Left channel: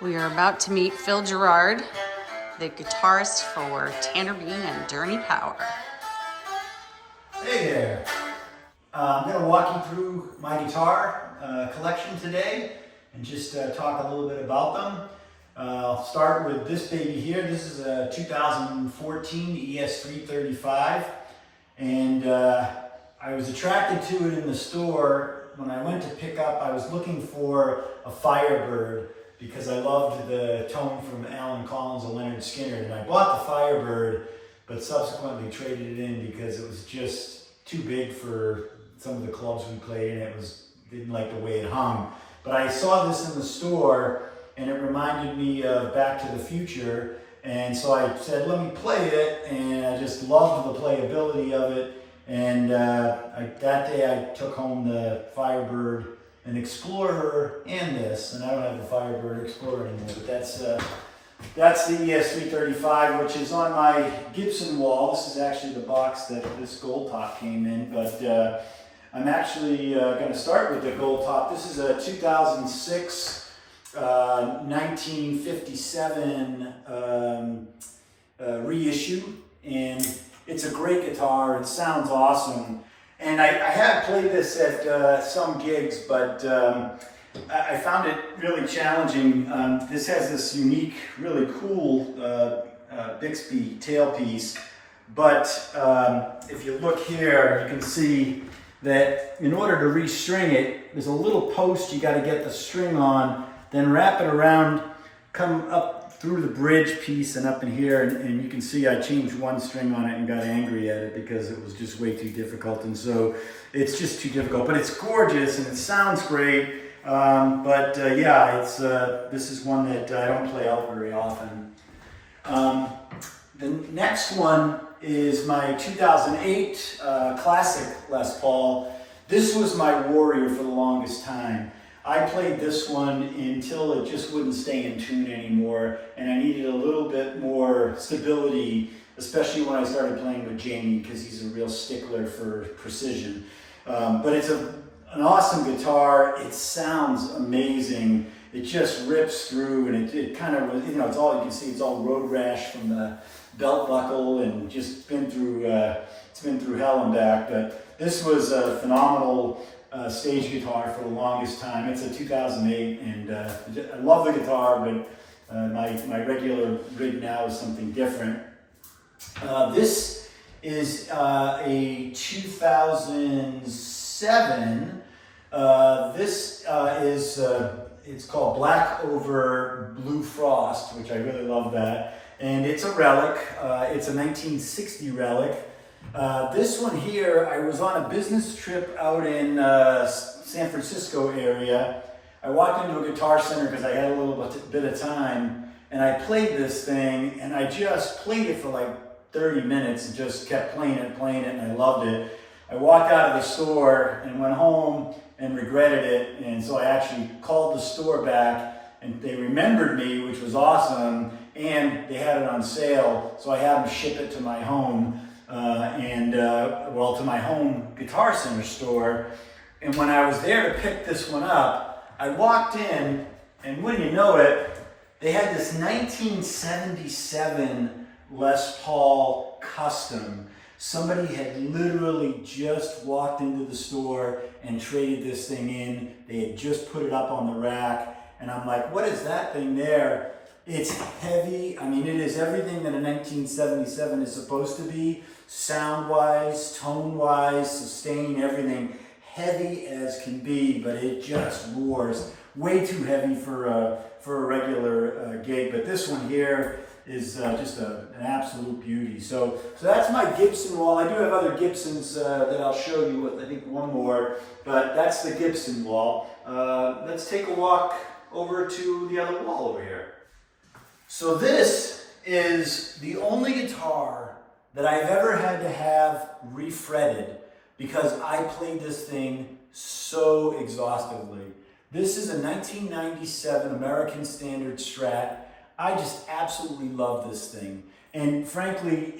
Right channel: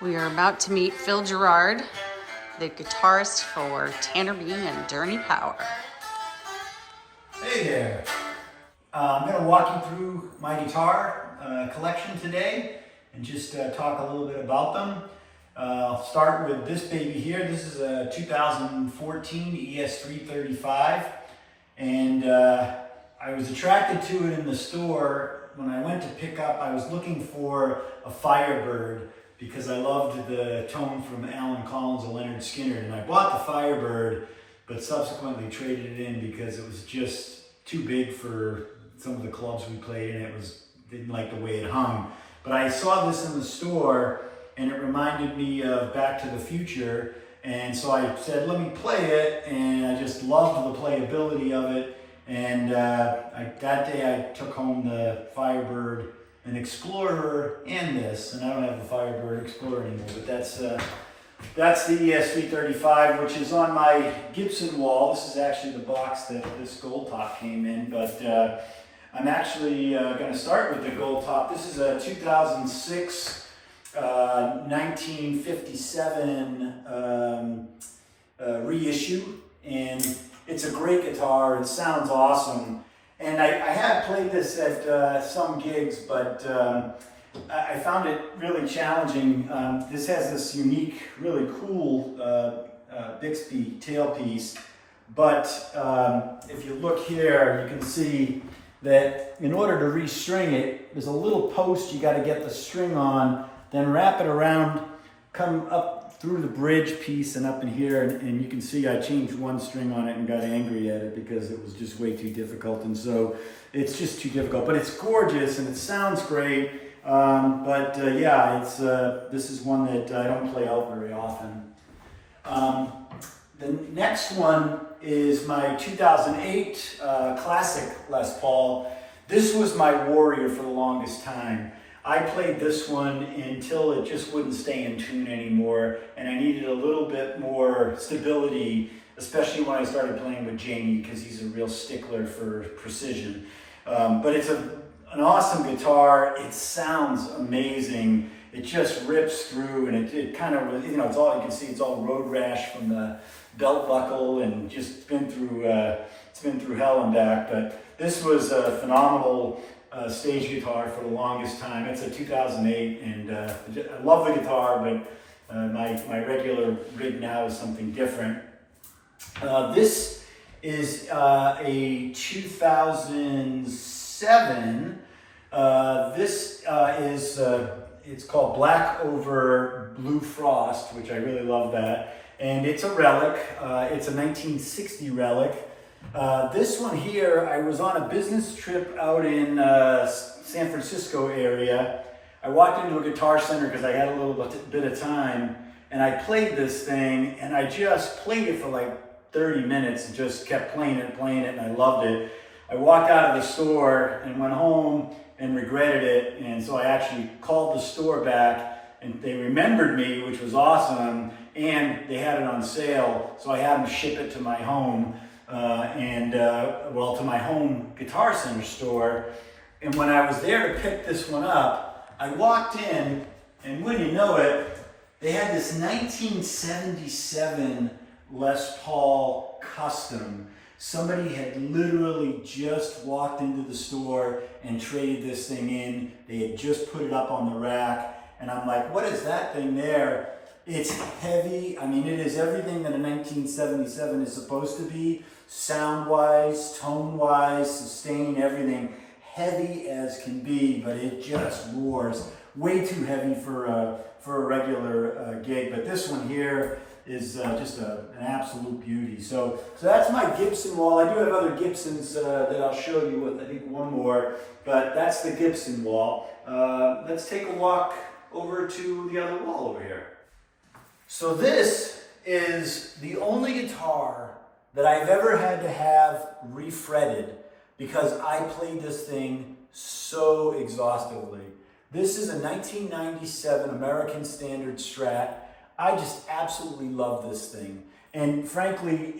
We are about to meet Phil Gerard, the guitarist for Tanner Beane and Dirty Power. Hey there. I'm going to walk you through my guitar collection today and just talk a little bit about them. I'll start with this baby here. This is a 2014 ES-335, and I was attracted to it in the store. When I went to pick up, I was looking for a Firebird because I loved the tone from Alan Collins and Leonard Skinner, and I bought the Firebird, but subsequently traded it in because it was just too big for some of the clubs we played, and didn't like the way it hung. But I saw this in the store, and it reminded me of Back to the Future, and so I said, let me play it, and I just loved the playability of it. And that day I took home the Firebird, an Explorer, and this, and I don't have a Firebird Explorer anymore, but that's the ES-335, which is on my Gibson wall. This is actually the box that this gold top came in, but I'm actually going to start with the gold top. This is a 2006 1957 reissue, and it's a great guitar. It sounds awesome. And I had played this at some gigs, but I found it really challenging. This has this unique, really cool Bixby tailpiece, but if you look here, you can see that in order to restring it, there's a little post you got to get the string on, then wrap it around, come up through the bridge piece and up in here, and you can see I changed one string on it and got angry at it because it was just way too difficult, and so it's just too difficult. But it's gorgeous and it sounds great. Yeah, this is one that I don't play out very often. The next one is my 2008 classic Les Paul. This was my warrior for the longest time. I played this one until it just wouldn't stay in tune anymore, and I needed a little bit more stability, especially when I started playing with Jamie, because he's a real stickler for precision. But it's an awesome guitar. It sounds amazing. It just rips through, and it kind of, it's all you can see. It's all road rash from the belt buckle, and just been through hell and back. But this was a phenomenal stage guitar for the longest time. It's a 2008, and I love the guitar, but my regular rig now is something different. This is a 2007. It's called Black Over Blue Frost, which I really love that. And it's a relic. It's a 1960 relic. This one here, I was on a business trip out in San Francisco area. I walked into a Guitar Center because I had a little bit of time, and I played this thing, and I just played it for like 30 minutes and just kept playing it, and I loved it. I walked out of the store and went home and regretted it, and so I actually called the store back, and they remembered me, which was awesome, and they had it on sale, so I had them ship it to my home. To my home Guitar Center store. And when I was there to pick this one up, I walked in, and when you know it, they had this 1977 Les Paul Custom. Somebody had literally just walked into the store and traded this thing in. They had just put it up on the rack, and I'm like, what is that thing there? It's heavy. I mean, it is everything that a 1977 is supposed to be. Sound-wise, tone-wise, sustain, everything. Heavy as can be, but it just roars. Way too heavy for a regular gig. But this one here is just an absolute beauty. So that's my Gibson wall. I do have other Gibsons that I'll show you with, I think, one more. But that's the Gibson wall. Let's take a walk over to the other wall over here. So this is the only guitar that I've ever had to have refretted because I played this thing so exhaustively. This is a 1997 American Standard Strat. I just absolutely love this thing. And frankly,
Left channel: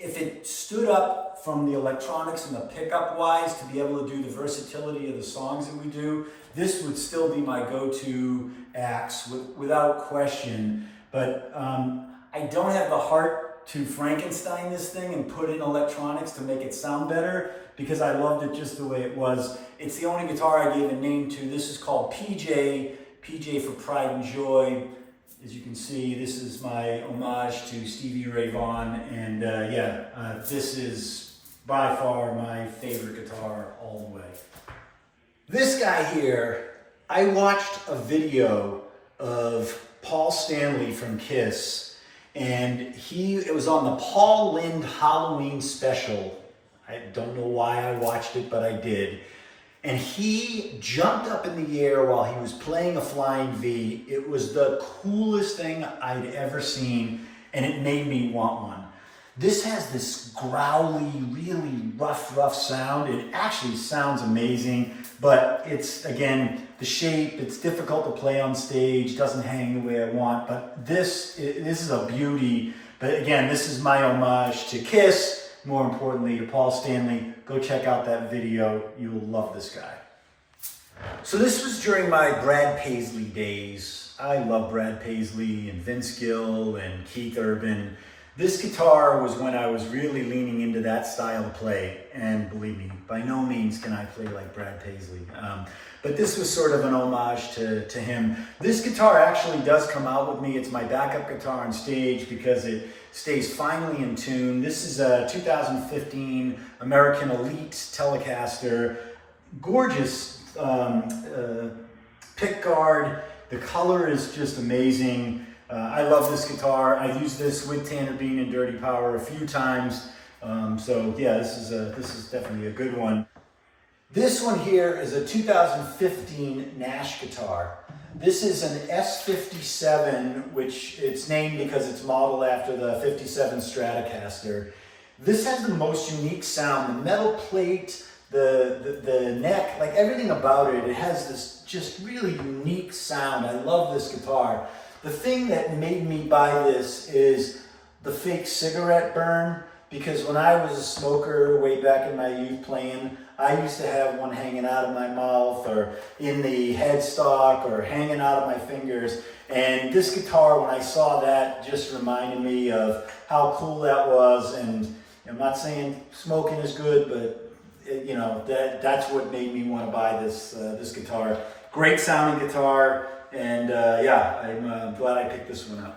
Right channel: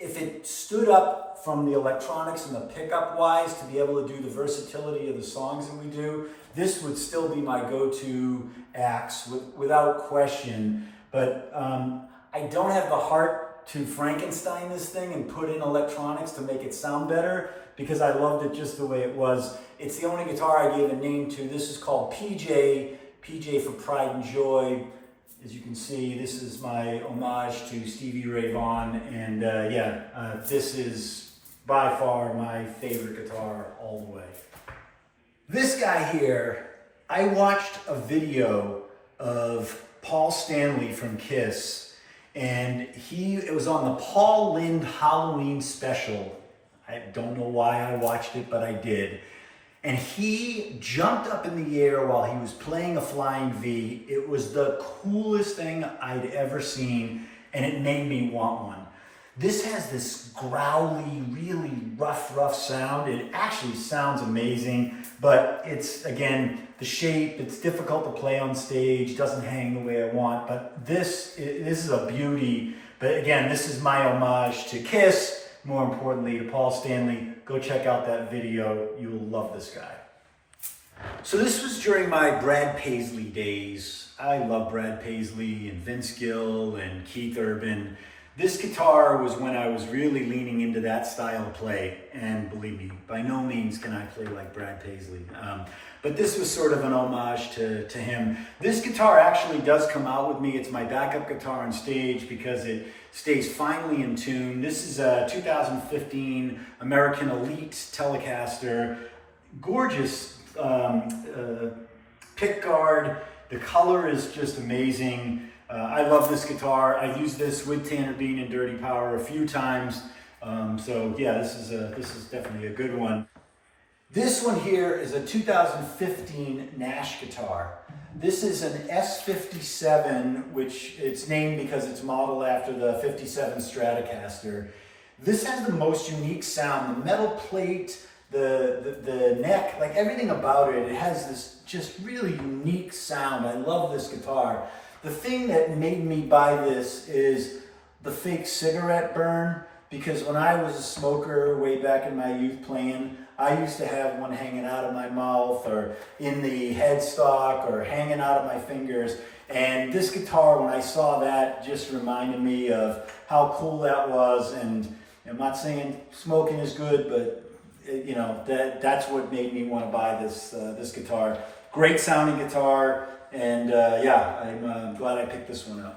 if it stood up from the electronics and the pickup wise to be able to do the versatility of the songs that we do, this would still be my go-to axe without question. But I don't have the heart to Frankenstein this thing and put in electronics to make it sound better, because I loved it just the way it was. It's the only guitar I gave a name to. This is called PJ for Pride and Joy. As you can see, this is my homage to Stevie Ray Vaughan, and this is by far my favorite guitar all the way. This guy here, I watched a video of Paul Stanley from Kiss, and it was on the Paul Lynde Halloween special. I don't know why I watched it, but I did. And he jumped up in the air while he was playing a flying V. It was the coolest thing I'd ever seen, and it made me want one. This has this growly, really rough sound. It actually sounds amazing, but it's, again, the shape, it's difficult to play on stage, doesn't hang the way I want, but this is a beauty. But again, this is my homage to Kiss, more importantly to Paul Stanley. Go check out that video. You'll love this guy. So this was during my Brad Paisley days. I love Brad Paisley and Vince Gill and Keith Urban. This guitar was when I was really leaning into that style of play. And believe me, by no means can I play like Brad Paisley. But this was sort of an homage to him. This guitar actually does come out with me. It's my backup guitar on stage because it stays finely in tune. This is a 2015 American Elite Telecaster. Gorgeous pick guard. The color is just amazing. I love this guitar. I've used this with Tanner Beane Dirty Power a few times. So yeah, this is definitely a good one. This one here is a 2015 Nash guitar. This is an S57, which it's named because it's modeled after the 57 Stratocaster. This has the most unique sound. The metal plate, the neck, like everything about it, it has this just really unique sound. I love this guitar. The thing that made me buy this is the fake cigarette burn, because when I was a smoker way back in my youth playing, I used to have one hanging out of my mouth or in the headstock or hanging out of my fingers. And this guitar, when I saw that, just reminded me of how cool that was. And I'm not saying smoking is good, but you know, that's what made me want to buy this guitar. Great sounding guitar. And I'm glad I picked this one up.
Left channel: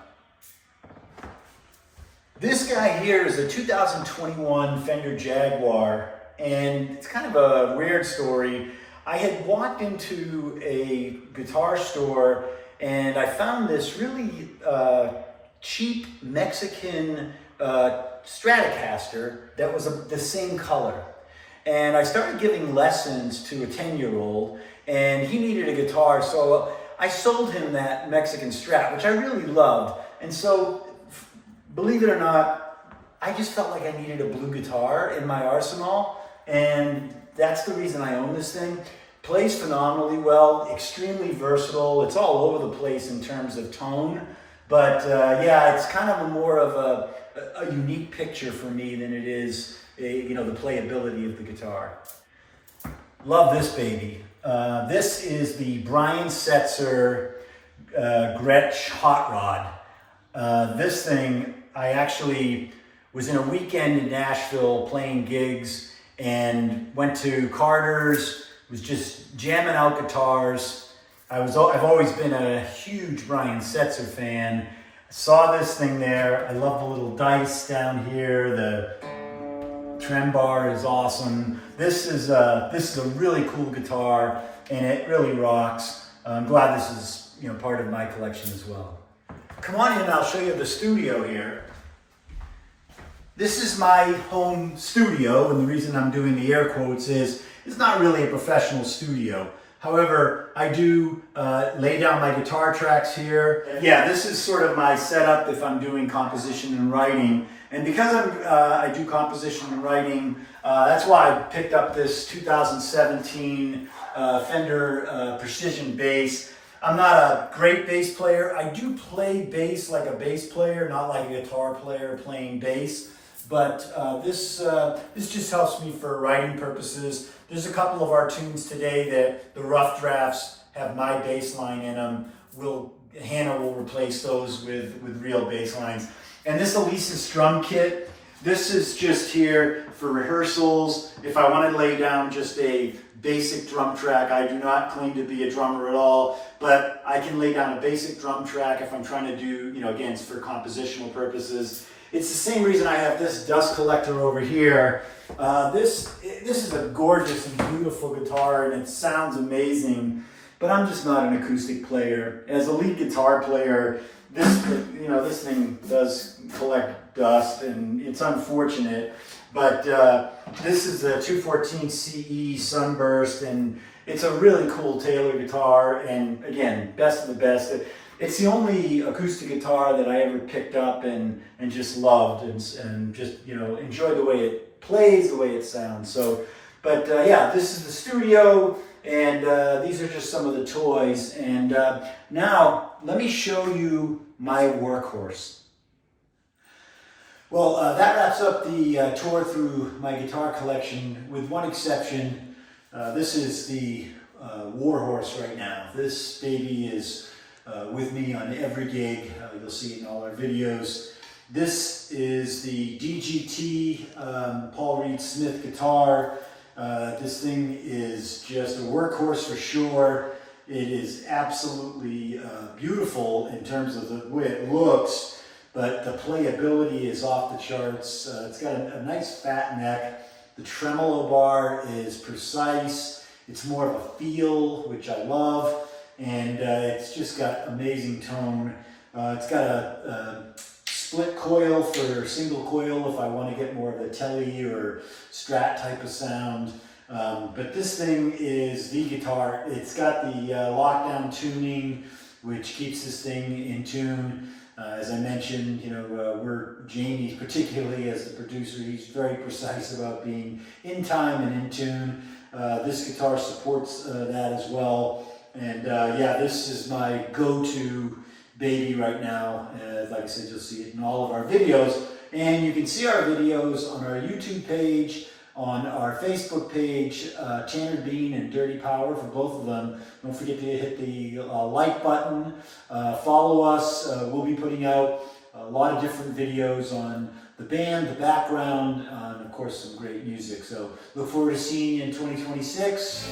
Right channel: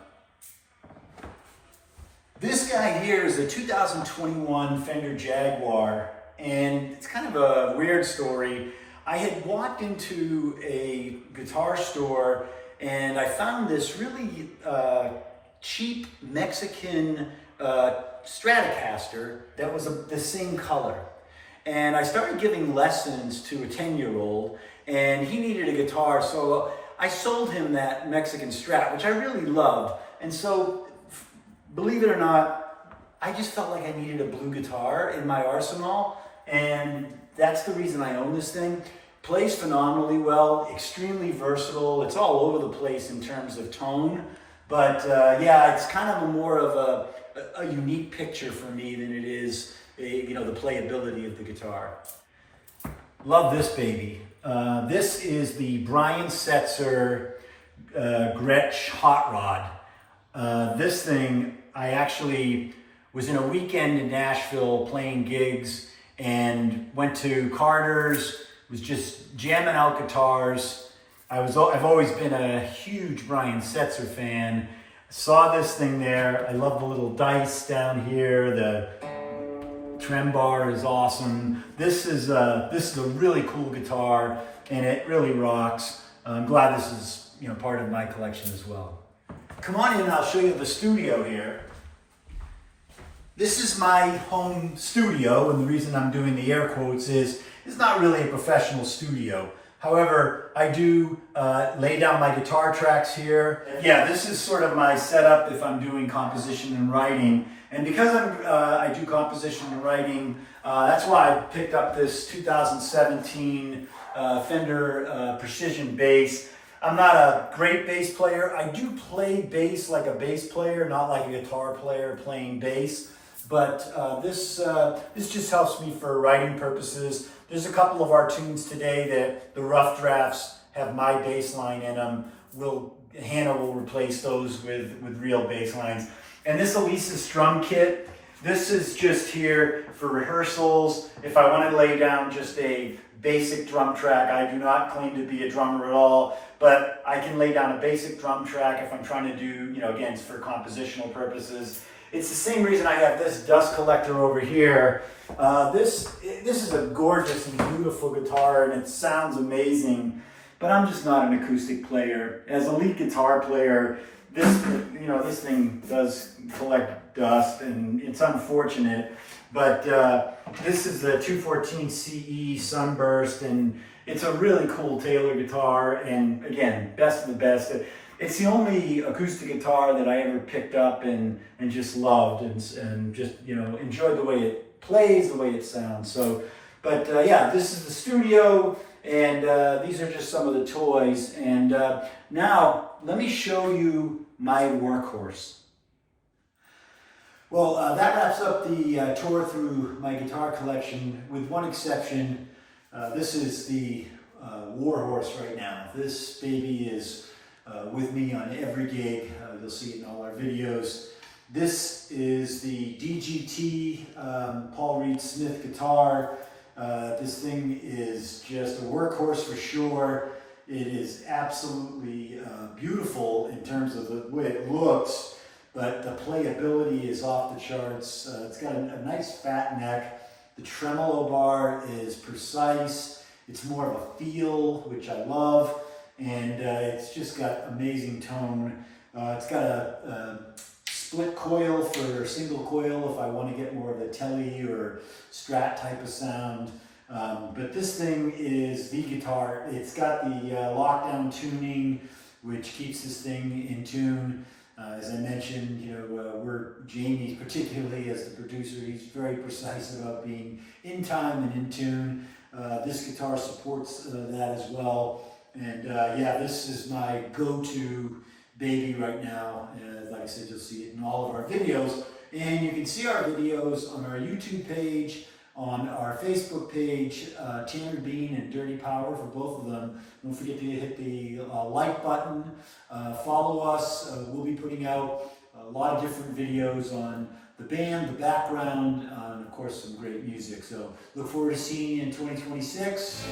This guy here is a 2021 Fender Jaguar, and it's kind of a weird story. I had walked into a guitar store and I found this really cheap Mexican Stratocaster that was the same color. And I started giving lessons to a 10-year-old, and he needed a guitar, so I sold him that Mexican Strat, which I really loved. And so, believe it or not, I just felt like I needed a blue guitar in my arsenal, and that's the reason I own this thing. Plays phenomenally well, extremely versatile. It's all over the place in terms of tone, but it's kind of more of a unique picture for me than it is, the playability of the guitar. Love this baby. This is the Brian Setzer Gretch Hot Rod. This thing, I actually was in a weekend in Nashville playing gigs and went to Carter's, was just jamming out guitars. I've always been a huge Brian Setzer fan. Saw this thing there. I love the little dice down here. The trem bar is awesome. This is a really cool guitar, and it really rocks. I'm glad this is part of my collection as well. Come on in and I'll show you the studio here. This is my home studio, and the reason I'm doing the air quotes is it's not really a professional studio. However, I do lay down my guitar tracks here. Yeah, this is sort of my setup if I'm doing composition and writing. And because I do composition and writing, that's why I picked up this 2017 Fender Precision bass. I'm not a great bass player. I do play bass like a bass player, not like a guitar player playing bass. but this just helps me for writing purposes. There's a couple of our tunes today that the rough drafts have my bass line in them. Hannah will replace those with real bass lines. And this Elisa's drum kit, this is just here for rehearsals. If I want to lay down just a basic drum track, I do not claim to be a drummer at all, but I can lay down a basic drum track if I'm trying to do, again, it's for compositional purposes. It's the same reason I have this dust collector over here. This is a gorgeous and beautiful guitar, and it sounds amazing, but I'm just not an acoustic player. As a lead guitar player, this thing does collect dust, and it's unfortunate, but this is the 214 CE Sunburst, and it's a really cool Taylor guitar, and again, best of the best. It's the only acoustic guitar that I ever picked up and just loved, and just enjoyed the way it plays, the way it sounds. So, but yeah, this is the studio, and these are just some of the toys. And now let me show you my Workhorse. Well, that wraps up the tour through my guitar collection, with one exception. This is the Workhorse right now. This baby is with me on every gig. You'll see it in all our videos. This is the DGT Paul Reed Smith guitar. This thing is just a workhorse for sure. It is absolutely beautiful in terms of the way it looks, but the playability is off the charts. It's got a nice fat neck. The tremolo bar is precise. It's more of a feel, which I love. And it's just got amazing tone. It's got a split coil for single coil if I want to get more of a Tele or Strat type of sound. But this thing is the guitar. It's got the lockdown tuning, which keeps this thing in tune. As I mentioned, Jamie, particularly as the producer, he's very precise about being in time and in tune. This guitar supports that as well. And yeah, this is my go-to baby right now. Like I said, you'll see it in all of our videos. And you can see our videos on our YouTube page, on our Facebook page, Tanner Beane and Dirty Power for both of them. Don't forget to hit the like button. Follow us. We'll be putting out a lot of different videos on the band, the background, and of course some great music. So look forward to seeing you in 2026.